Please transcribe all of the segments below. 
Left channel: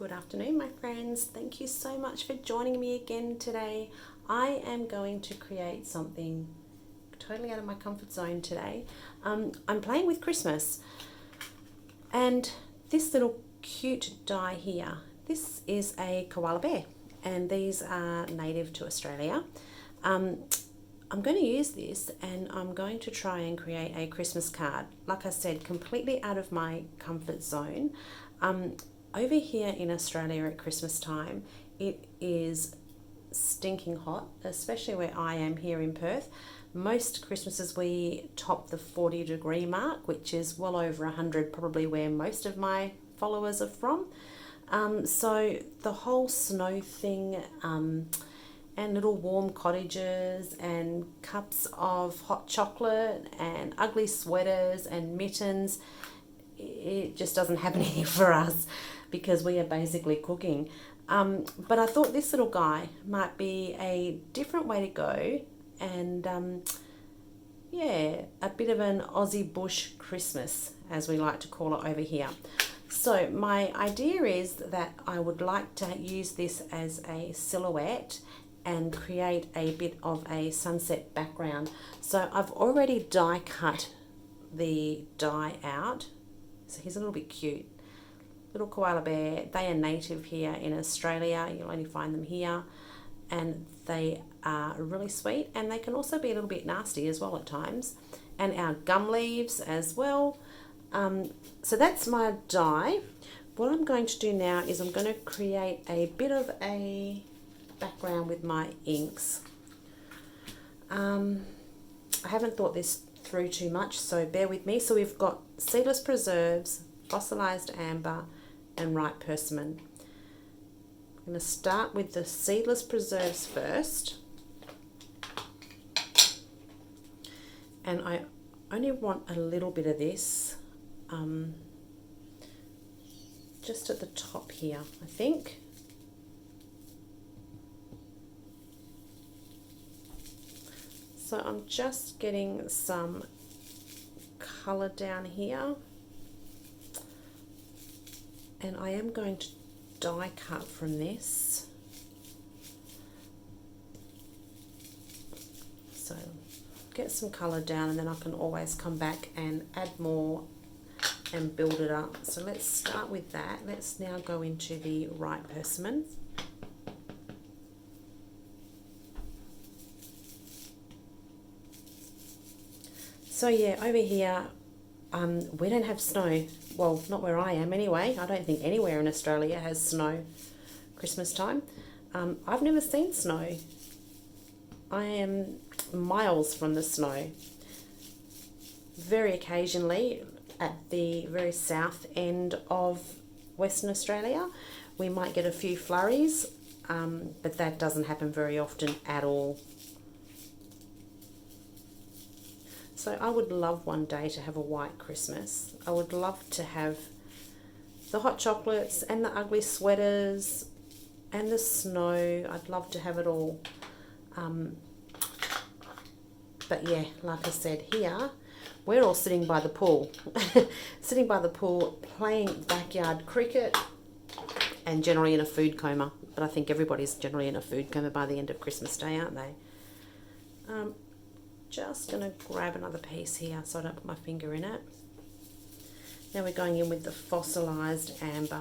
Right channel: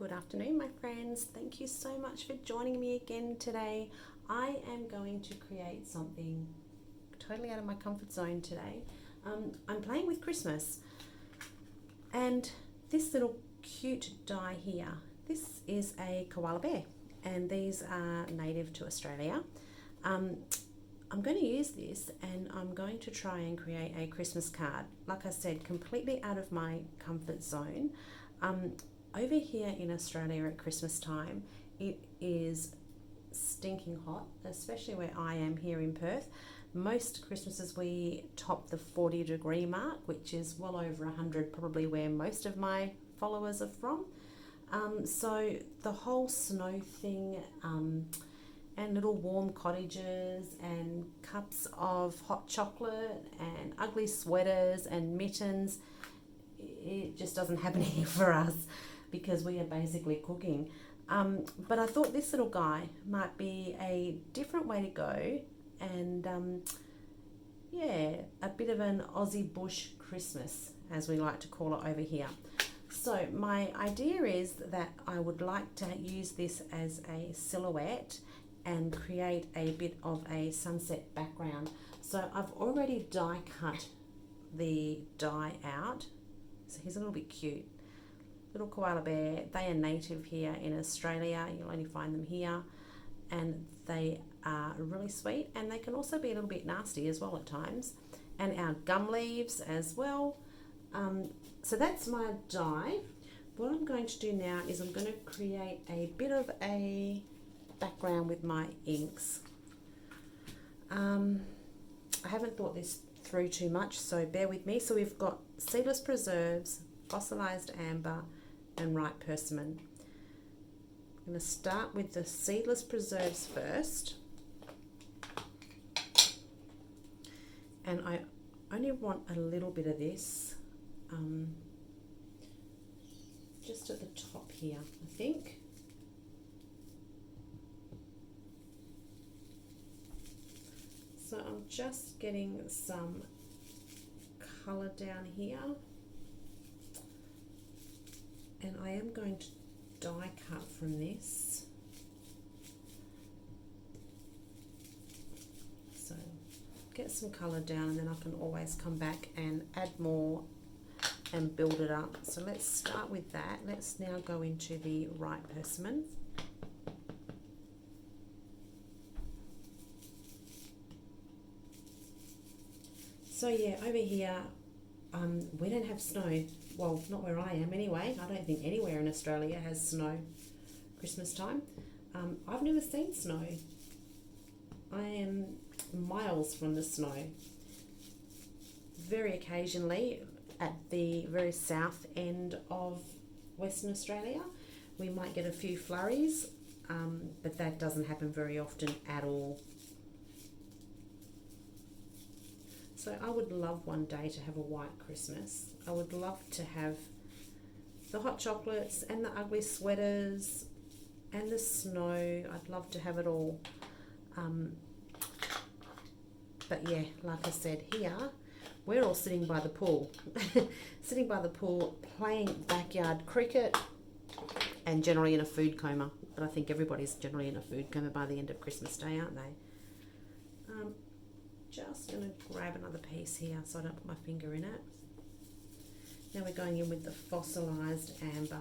Good afternoon, my friends. Thank you so much for joining me again today. I am going to create something totally out of my comfort zone today. I'm playing with Christmas, and this little cute die here, this is a koala bear, and these are native to Australia. I'm going to use this and I'm going to try and create a Christmas card. Like I said, completely out of my comfort zone. Over here in Australia at Christmas time, it is stinking hot, especially where I am here in Perth. Most Christmases we top the 40-degree mark, which is well over 100, probably where most of my followers are from. So the whole snow thing, and little warm cottages and cups of hot chocolate and ugly sweaters and mittens, it just doesn't happen here for us because we are basically cooking. But I thought this little guy might be a different way to go, and yeah, a bit of an Aussie bush Christmas, as we like to call it over here. So my idea is that I would like to use this as a silhouette and create a bit of a sunset background. So I've already die cut the die out. So he's a little bit cute. Little koala bear. They are native here in Australia. You'll only find them here. And they are really sweet, and they can also be a little bit nasty as well at times. And our gum leaves as well. So that's my die. What I'm going to do now is I'm going to create a bit of a background with my inks. I haven't thought this through too much, so bear with me. So we've got seedless preserves, fossilized amber, and ripe persimmon. I'm going to start with the seedless preserves first, and I only want a little bit of this, just at the top here, I think. So I'm just getting some colour down here, and I am going to die cut from this. So get some colour down, and then I can always come back and add more and build it up. So let's start with that. Let's now go into the ripe persimmon. So yeah, over here, we don't have snow. Well, not where I am anyway. I don't think anywhere in Australia has snow Christmas time. I've never seen snow. I am miles from the snow. Very occasionally, at the very south end of Western Australia, we might get a few flurries, but that doesn't happen very often at all. So I would love one day to have a white Christmas. I would love to have the hot chocolates and the ugly sweaters and the snow. I'd love to have it all. But yeah, like I said, here we're all sitting by the pool. Sitting by the pool, playing backyard cricket, and generally in a food coma. But I think everybody's generally in a food coma by the end of Christmas Day, aren't they? Just going to grab another piece here so I don't put my finger in it. Now we're going in with the fossilized amber.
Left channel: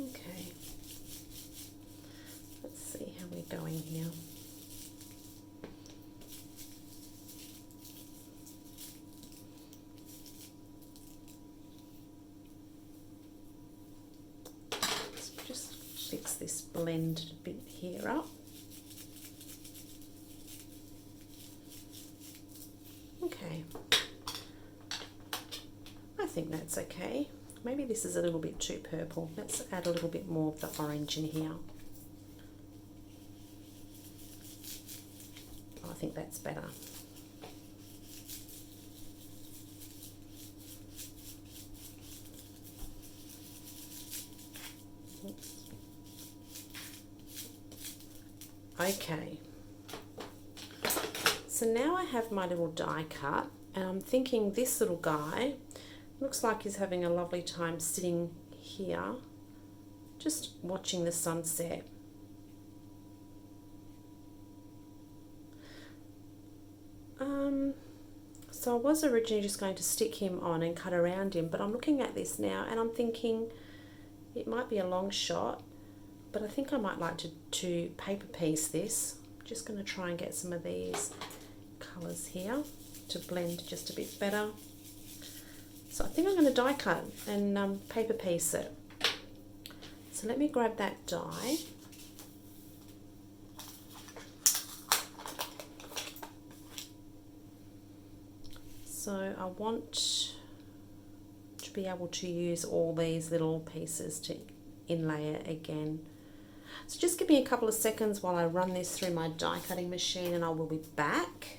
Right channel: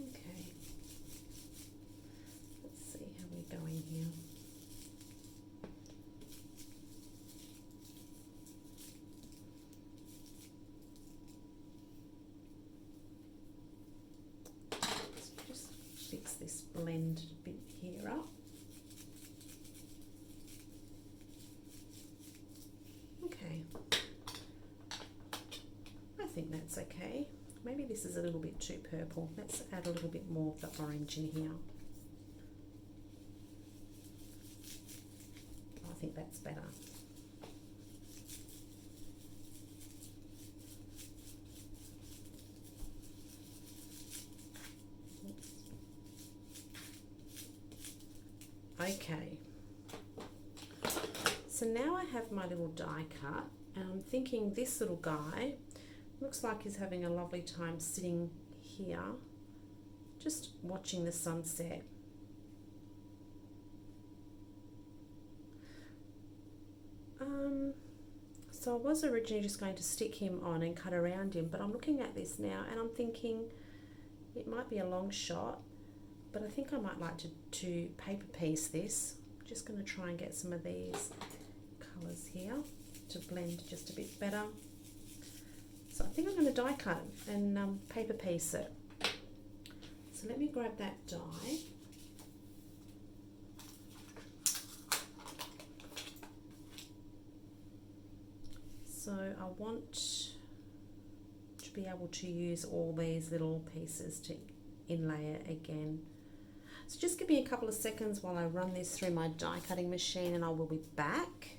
Okay. Let's see how we're going here. Fix this blend bit here up. Okay, I think that's okay. Maybe this is a little bit too purple. Let's add a little bit more of the orange in here. I think that's better. Okay. So now I have my little die cut, and I'm thinking this little guy looks like he's having a lovely time sitting here, just watching the sunset. So I was originally just going to stick him on and cut around him, but I'm looking at this now and I'm thinking it might be a long shot, but I think I might like to paper piece this. I'm just going to try and get some of these colours here to blend just a bit better. So I think I'm going to die cut and paper piece it. So let me grab that die. So I want to be able to use all these little pieces to inlay it again. So just give me a couple of seconds while I run this through my die cutting machine and I will be back.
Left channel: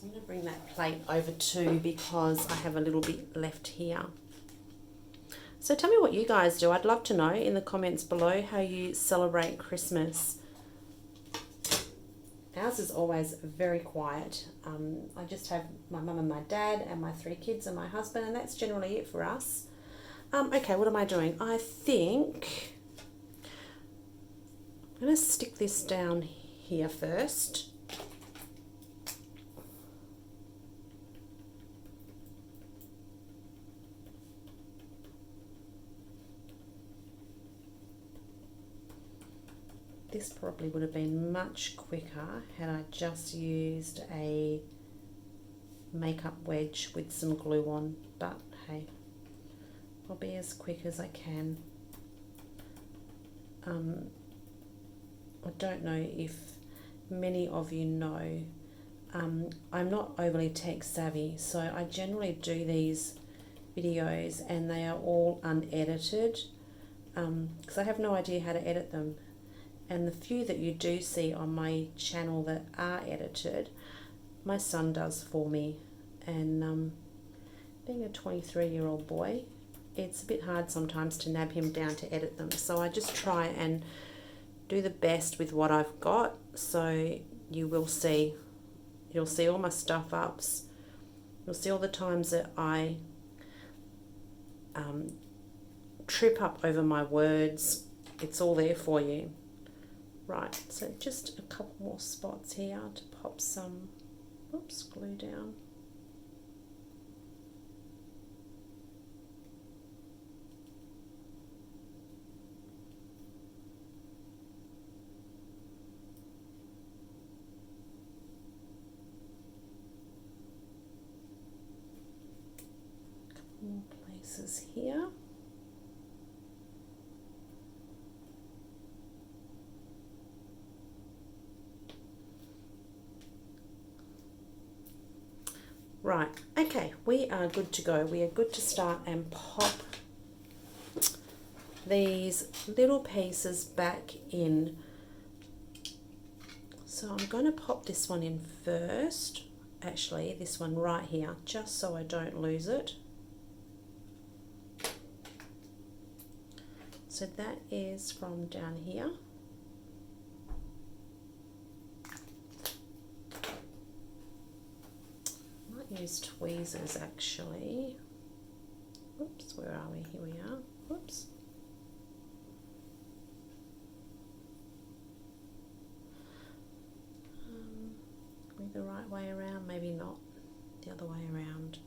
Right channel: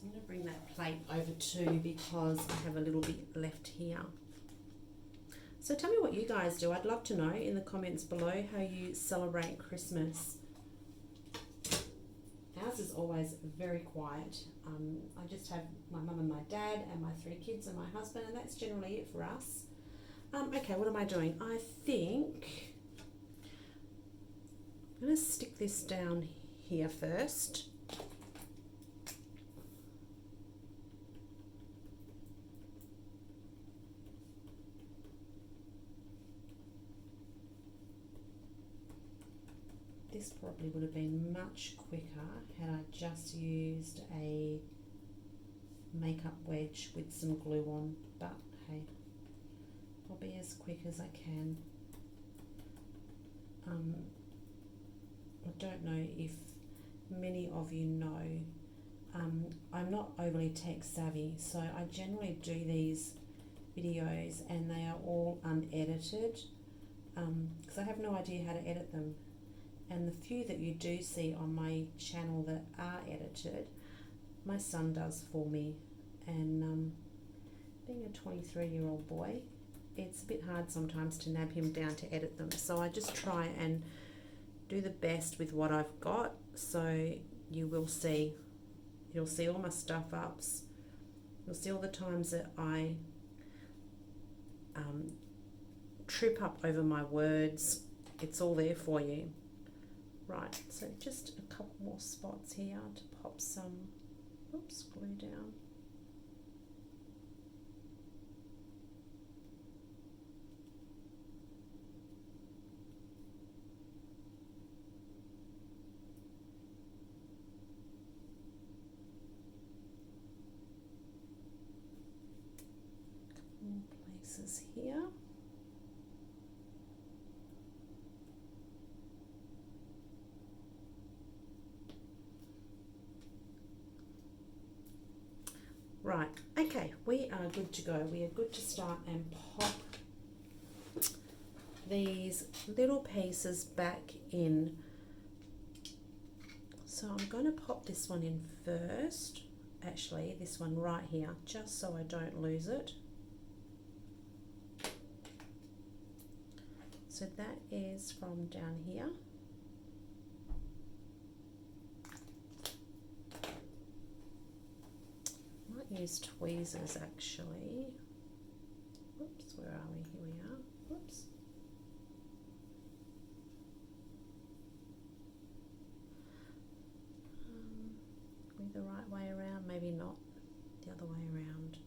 I'm going to bring that plate over too because I have a little bit left here. So tell me what you guys do. I'd love to know in the comments below how you celebrate Christmas. Ours is always very quiet. I just have my mum and my dad and my 3 kids and my husband, and that's generally it for us. Okay, what am I doing? I think I'm going to stick this down here first. This probably would have been much quicker had I just used a makeup wedge with some glue on, but hey, I'll be as quick as I can. I don't know if many of you know, I'm not overly tech savvy, so I generally do these videos and they are all unedited because I have no idea how to edit them. And the few that you do see on my channel that are edited, my son does for me. And being a 23-year-old boy, it's a bit hard sometimes to nab him down to edit them. So I just try and do the best with what I've got. So you'll see all my stuff ups. You'll see all the times that I trip up over my words. It's all there for you. Right, so just a couple more spots here to pop some, glue down. Couple more places here. Right, okay, we are good to go. We are good to start and pop these little pieces back in. So I'm going to pop this one in first, actually this one right here, just so I don't lose it. So that is from down here. Use tweezers actually. Whoops, where are we? Here we are. Whoops. Maybe the right way around, maybe not. The other way around.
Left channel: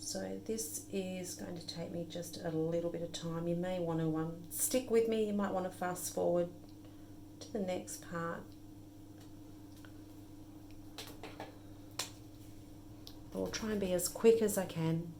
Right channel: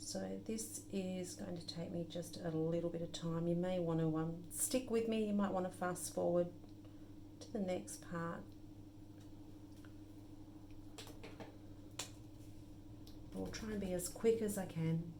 So this is going to take me just a little bit of time. You may want to stick with me. You might want to fast forward to the next part. I'll try and be as quick as I can.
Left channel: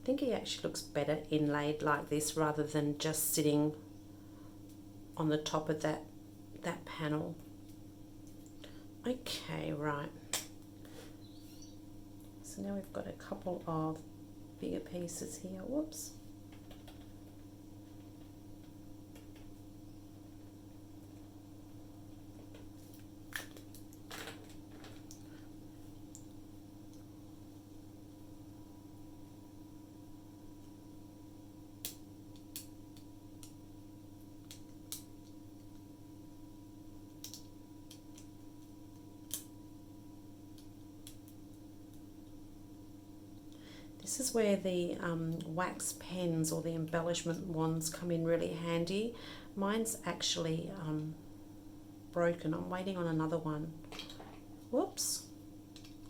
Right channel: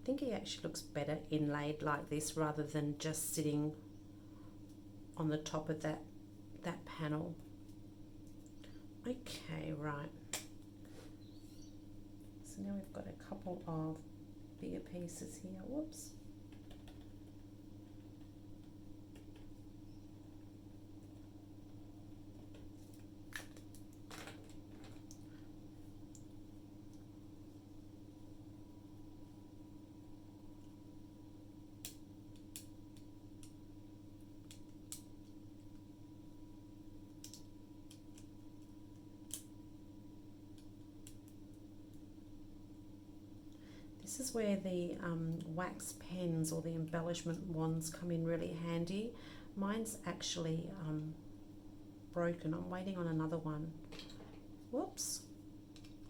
I think he actually looks better inlaid like this rather than just sitting on the top of that panel. Okay, right. So now we've got a couple of bigger pieces here. Whoops. This is where the wax pens or the embellishment wands come in really handy. Mine's actually broken. I'm waiting on another one. Whoops.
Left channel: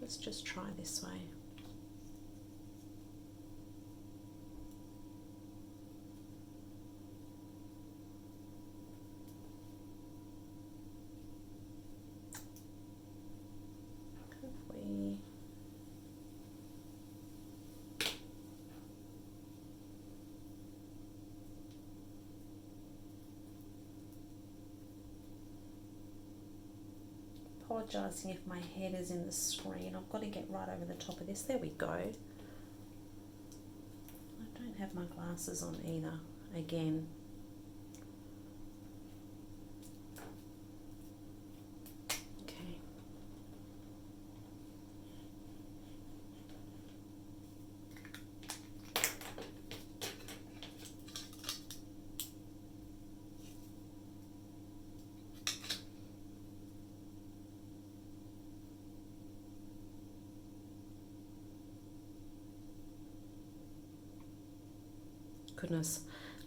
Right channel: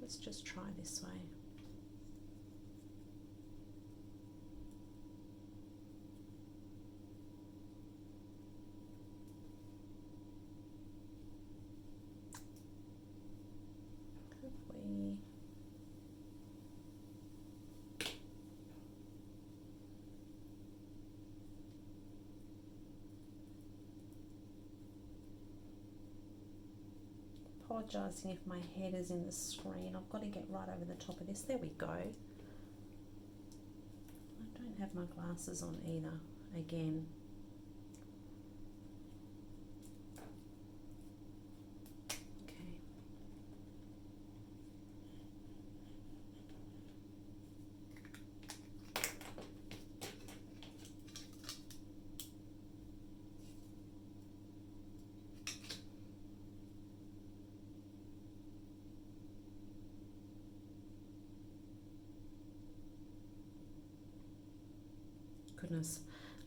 Let's just try this way. Apologising if my head is in the screen. I've got to get right over the top of this. There we go. I don't have my glasses on either. Again. Okay. Goodness,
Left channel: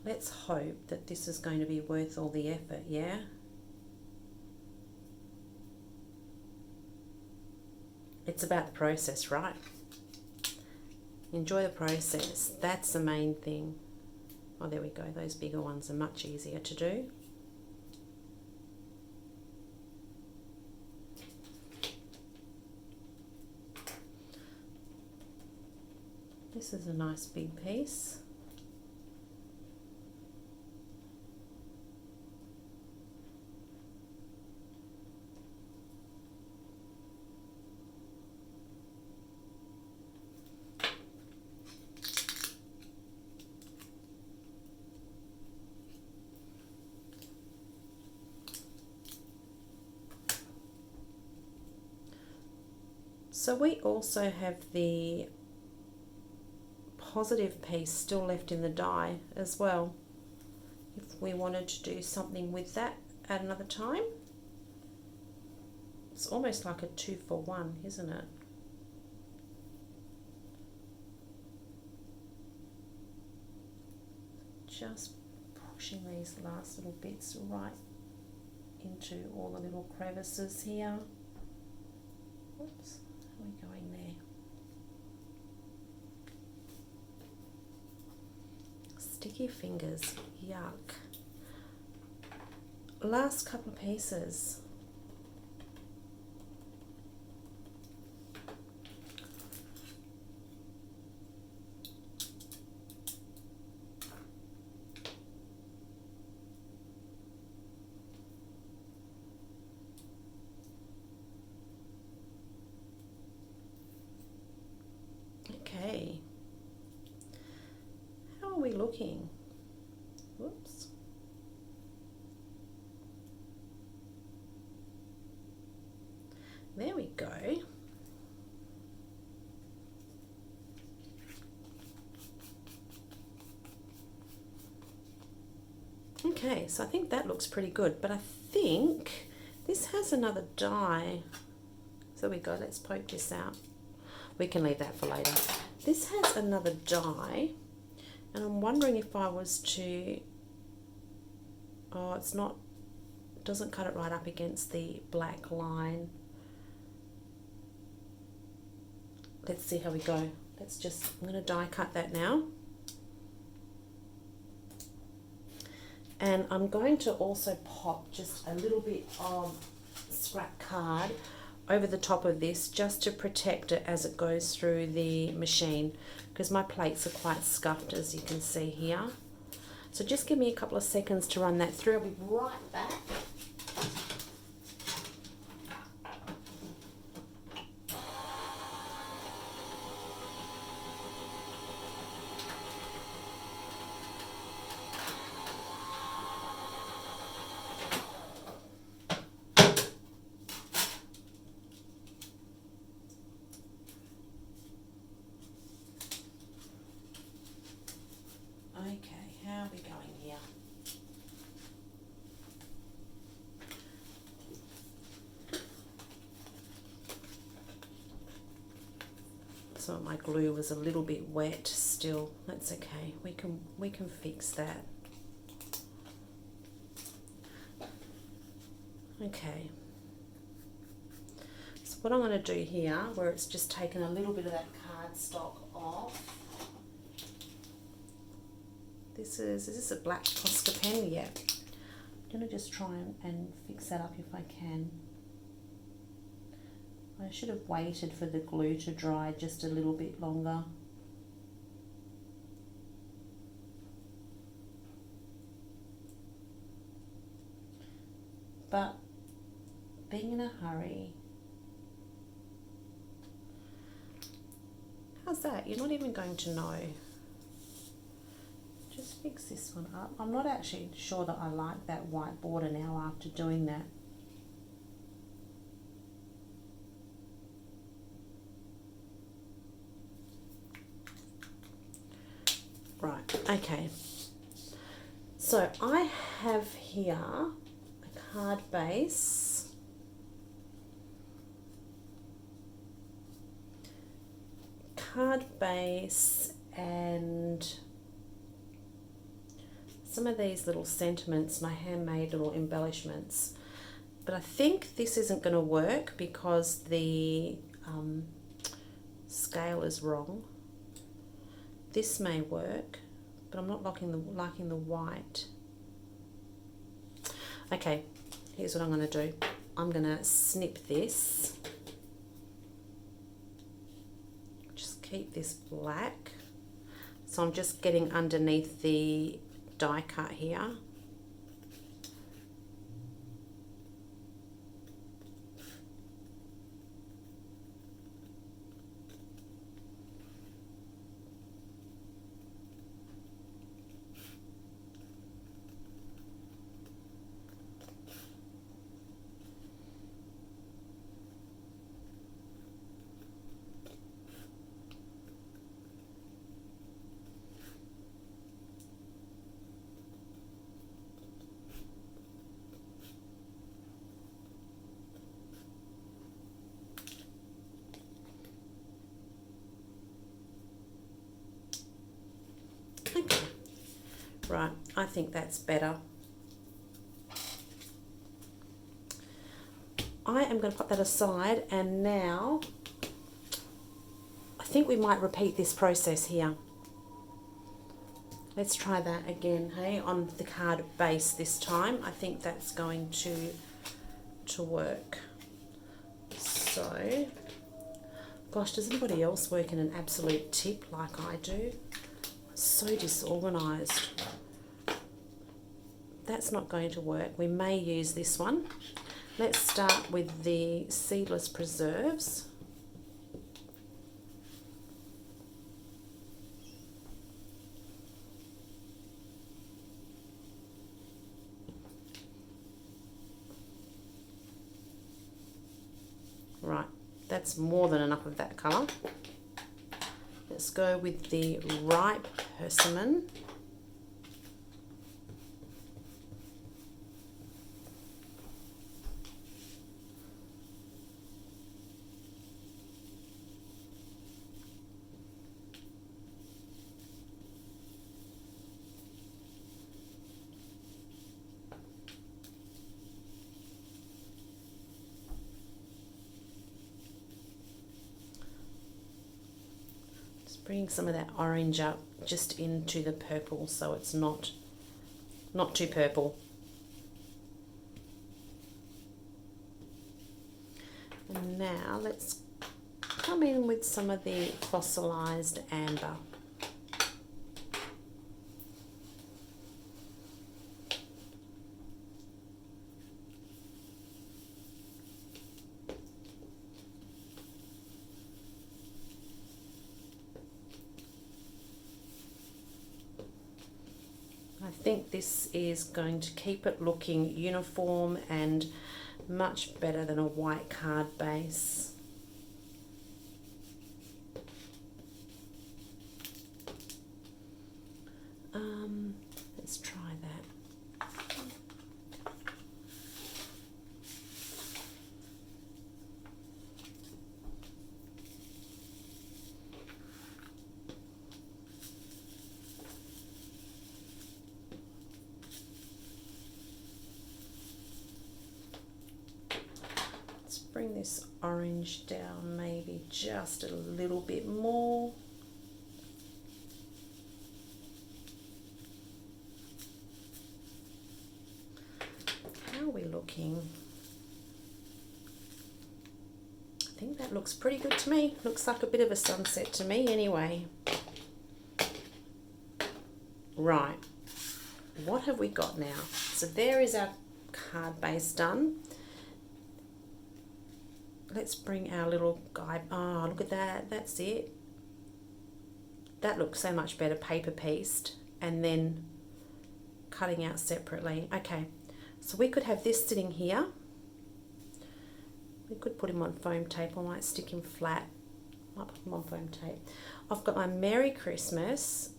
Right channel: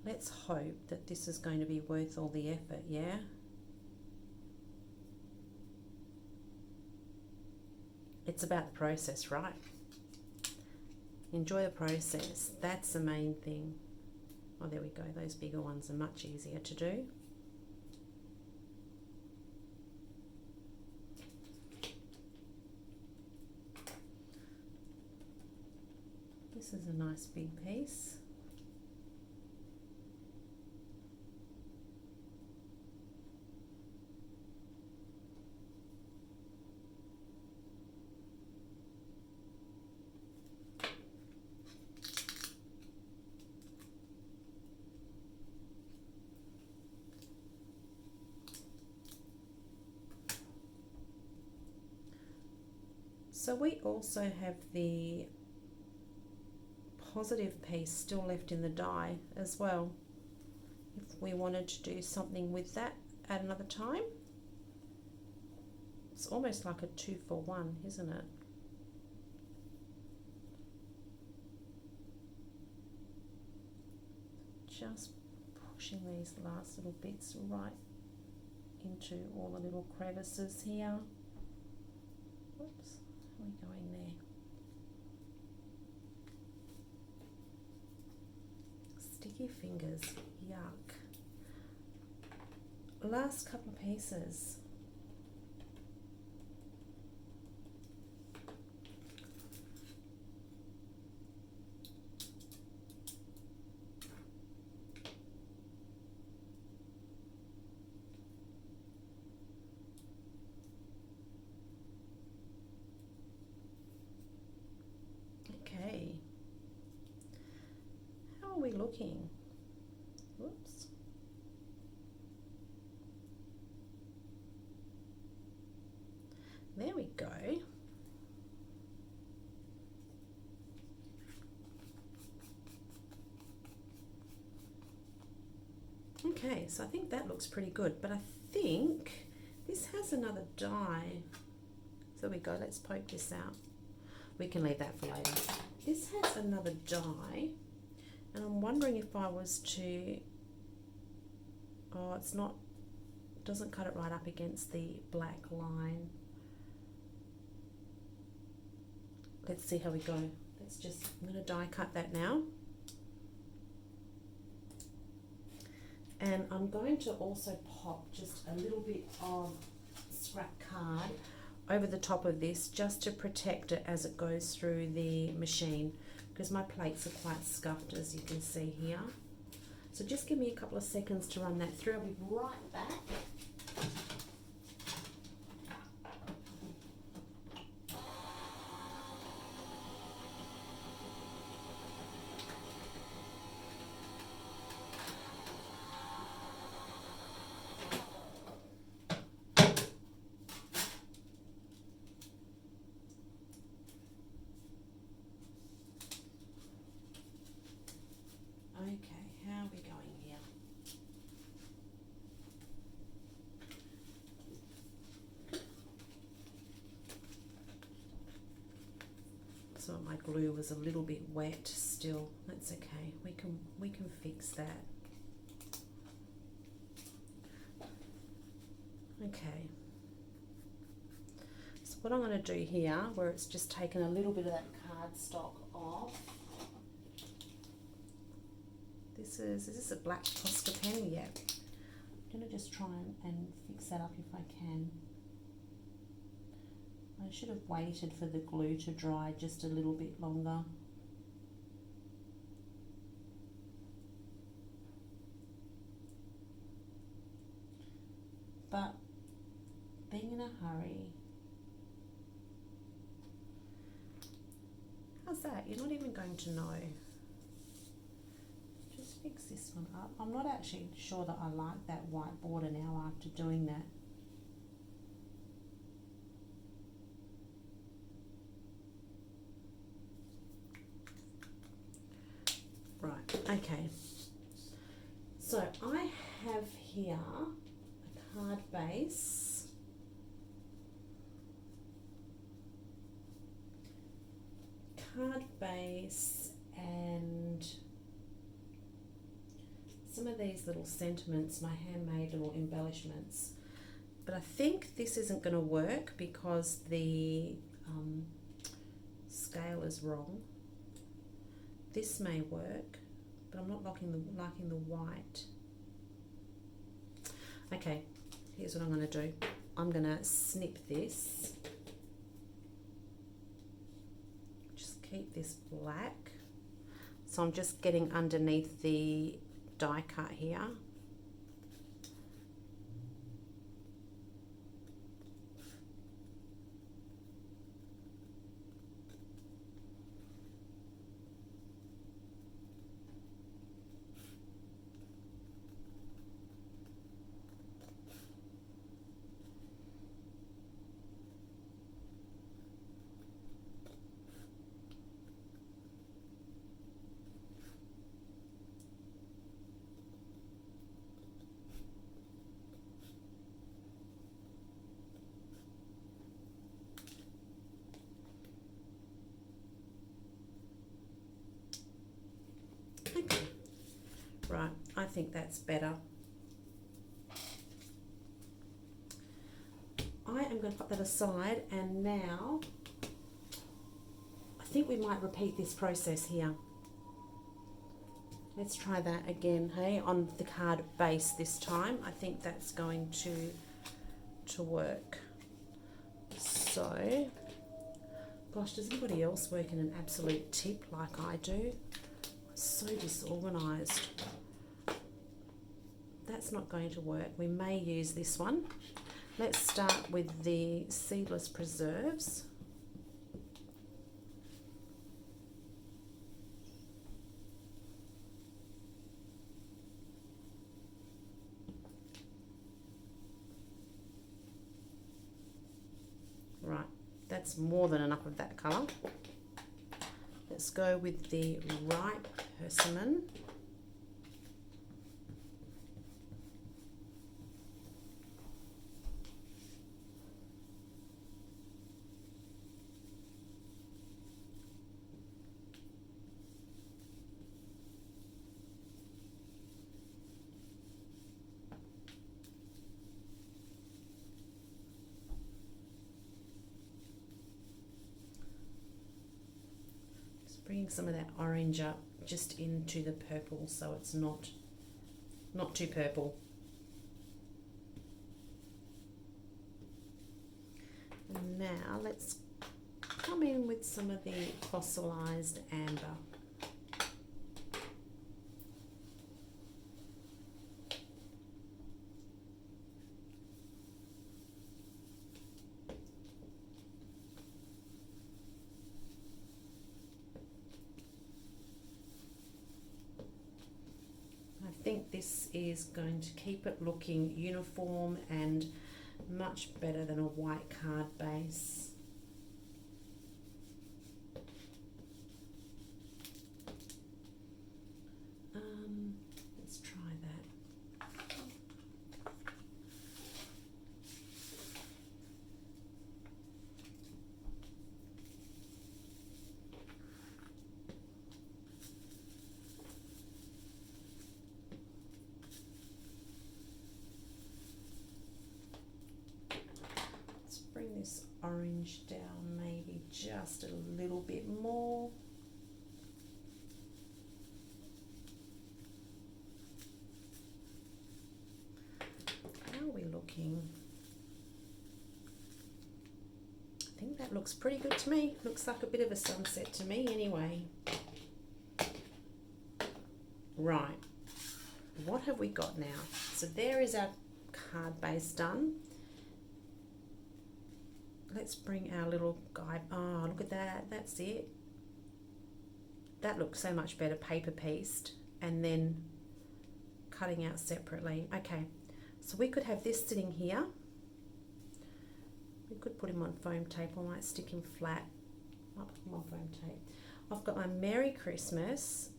let's hope that this is going to be worth all the effort, yeah? It's about the process, right? Enjoy the process. That's the main thing. Oh, there we go. Those bigger ones are much easier to do. This is a nice big piece. So we also have the positive piece still left in the die as well. If we wanted to do something with that at another time. It's almost like a 2-for-1, isn't it? Just pushing these last little bits right into all the little crevices here. Oops. How are we going there? Sticky fingers, yuck. Last couple of pieces. Okay. How are we looking? Whoops. There we go. Okay, so I think that looks pretty good, but I think this has another die. So there we go, let's poke this out. We can leave that for later. This has another die, and I'm wondering if I was to, oh, it's not Doesn't cut it right up against the black line. Let's see how we go. I'm going to die cut that now. And I'm going to also pop just a little bit of scrap card over the top of this just to protect it as it goes through the machine, because my plates are quite scuffed, as you can see here. So just give me a couple of seconds to run that through. I'll be right back. Okay, how are we going here? Some of my glue was a little bit wet still. That's okay. We can fix that. Okay. So what I'm going to do here, where it's just taken a little bit of that cardstock off. Is this a black Posca pen? Yeah. I'm going to just try and fix that up if I can. I should have waited for the glue to dry just a little bit longer. But being in a hurry. How's that? You're not even going to know. Just fix this one up. I'm not actually sure that I like that white border now after doing that. Right, okay. So I have here a card base. And some of these little sentiments, my handmade little embellishments. But I think this isn't going to work because the scale is wrong. This may work, but I'm not liking the white. Okay, here's what I'm going to do. I'm going to snip this. Just keep this black. So I'm just getting underneath the die cut here. Okay, right, I think that's better. I am going to put that aside, and now I think we might repeat this process here. Let's try that again, hey, on the card base this time. I think that's going to work. So, gosh, does anybody else work in an absolute tip like I do? So disorganized. That's not going to work. We may use this one. Let's start with the seedless preserves. Right, that's more than enough of that colour. Let's go with the ripe persimmon. Bringing some of that orange up just into the purple so it's not too purple. And now let's come in with some of the fossilized amber. I think this is going to keep it looking uniform and much better than a white card base. Let's try that. Bring this orange down maybe just a little bit more. How are we looking? I think that looks pretty good to me. Looks like a bit of a sunset to me anyway. Right, what have we got now? So there is our card base done. Let's bring our little guy. Oh, look at that. That's it. That looks so much better paper pieced and then cutting out separately. Okay, so we could have this sitting here. We could put him on foam tape. I might stick him flat. Might put him on foam tape. I've got my Merry Christmas.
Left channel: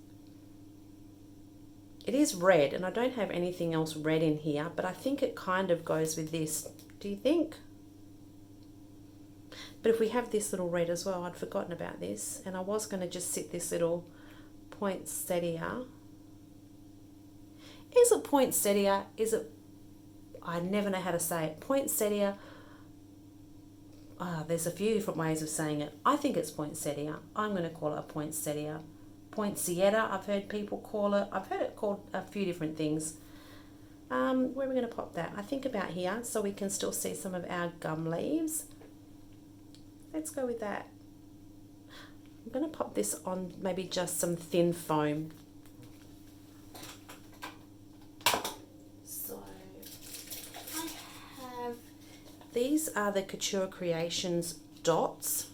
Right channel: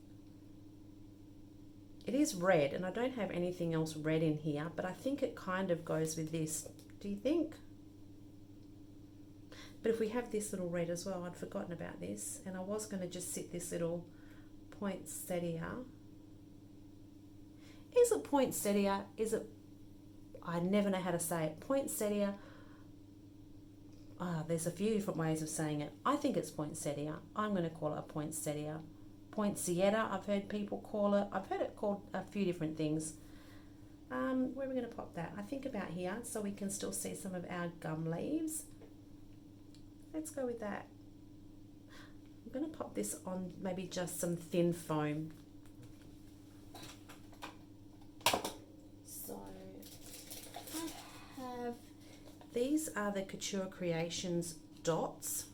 It is red and I don't have anything else red in here, but I think it kind of goes with this. Do you think? But if we have this little red as well, I'd forgotten about this, and I was going to just sit this little poinsettia. Is it poinsettia? Is it, I never know how to say it. Poinsettia. There's a few different ways of saying it. I think it's poinsettia. I'm going to call it a poinsettia. Poinsettia, I've heard people call it. I've heard it called a few different things. Where are we going to pop that? I think about here, so we can still see some of our gum leaves. Let's go with that. I'm going to pop this on maybe just some thin foam. So I have, these are the Couture Creations dots,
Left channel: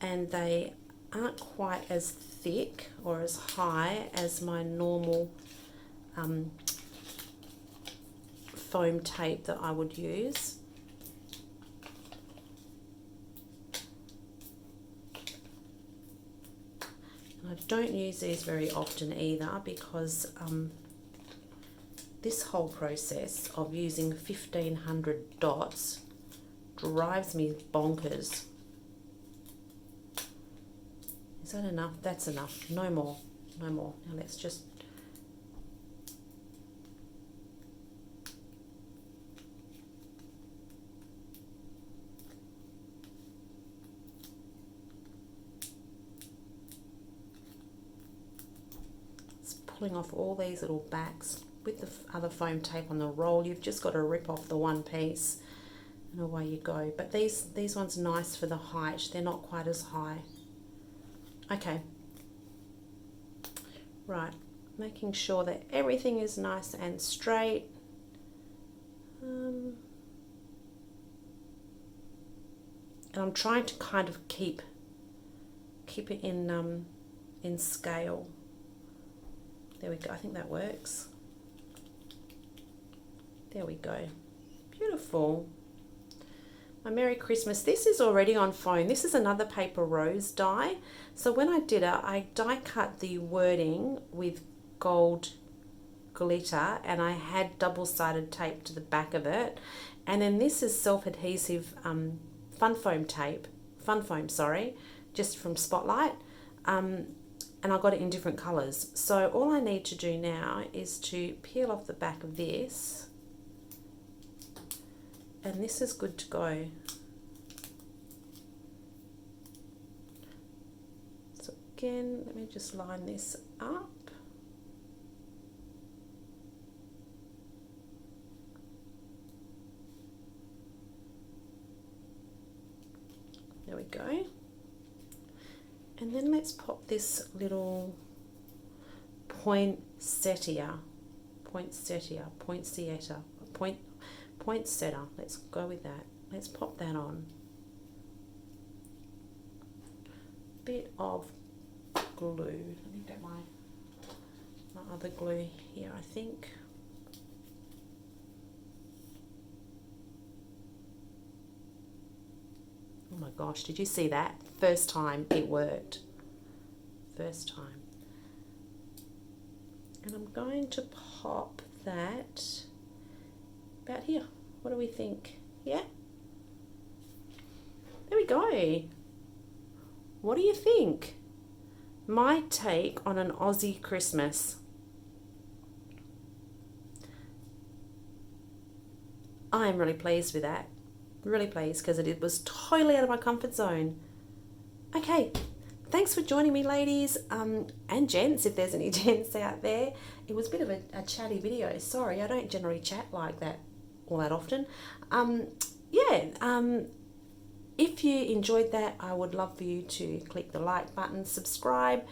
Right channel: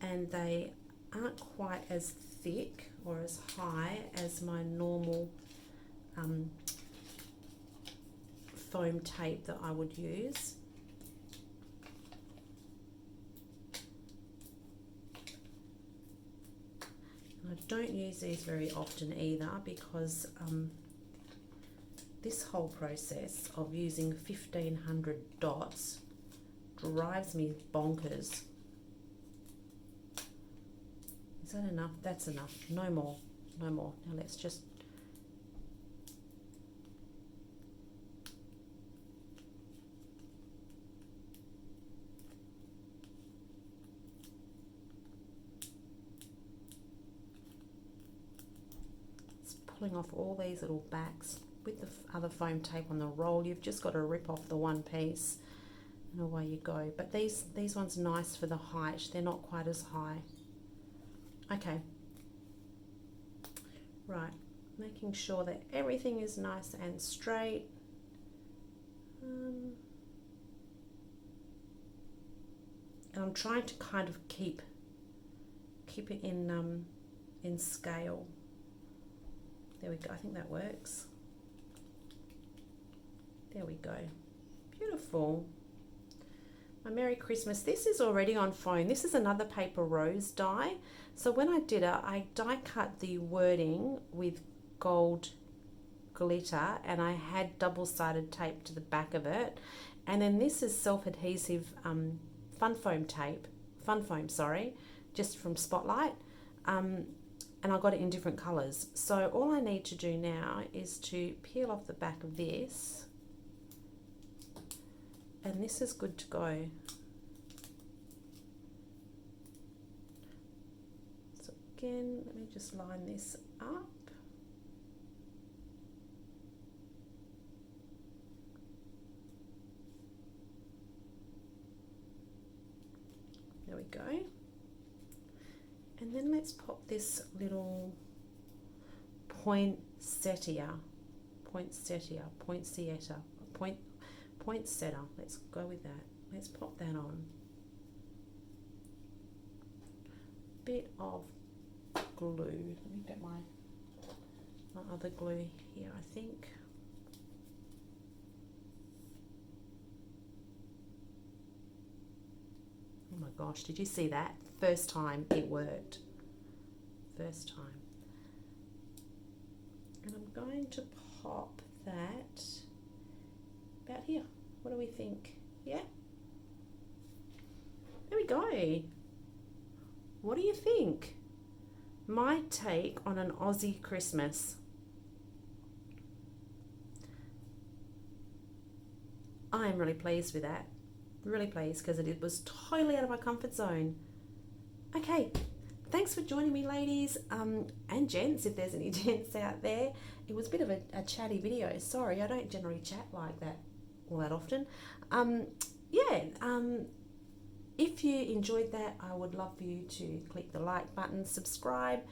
and they aren't quite as thick or as high as my normal foam tape that I would use. I don't use these very often either because this whole process of using 1,500 dots drives me bonkers. Is that enough? That's enough. No more. No more. Now let's just pulling off all these little backs with the other foam tape on the roll. You've just got to rip off the one piece and away you go. But these ones are nice for the height. They're not quite as high. Okay. Right. Making sure that everything is nice and straight. And I'm trying to kind of keep it in scale. There we go. I think that works. There we go. Beautiful. My Merry Christmas. This is already on foam. This is another paper rose die. So when I did it, I die cut the wording with gold glitter, and I had double-sided tape to the back of it. And then this is self-adhesive fun foam, sorry, just from Spotlight. And I got it in different colours. So all I need to do now is to peel off the back of this, and this is good to go. So again, let me just line this up. There we go. And then let's pop this little poinsettia, poinsettia, let's go with that. Let's pop that on. Bit of glue. Let me get my other glue here, I think. Oh my gosh, did you see that? First time it worked. First time. And I'm going to pop that about here. What do we think? Yeah? There we go. What do you think? My take on an Aussie Christmas. I'm really pleased with that. Really pleased because it was totally out of my comfort zone. Okay, thanks for joining me, ladies and gents, if there's any gents out there. It was a bit of a chatty video. Sorry, I don't generally chat like that all that often. If you enjoyed that, I would love for you to click the like button, subscribe,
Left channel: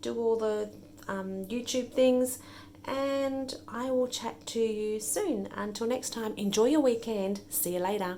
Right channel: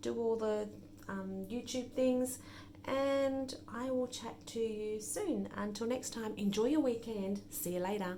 do all the YouTube things, and I will chat to you soon. Until next time, enjoy your weekend. See you later.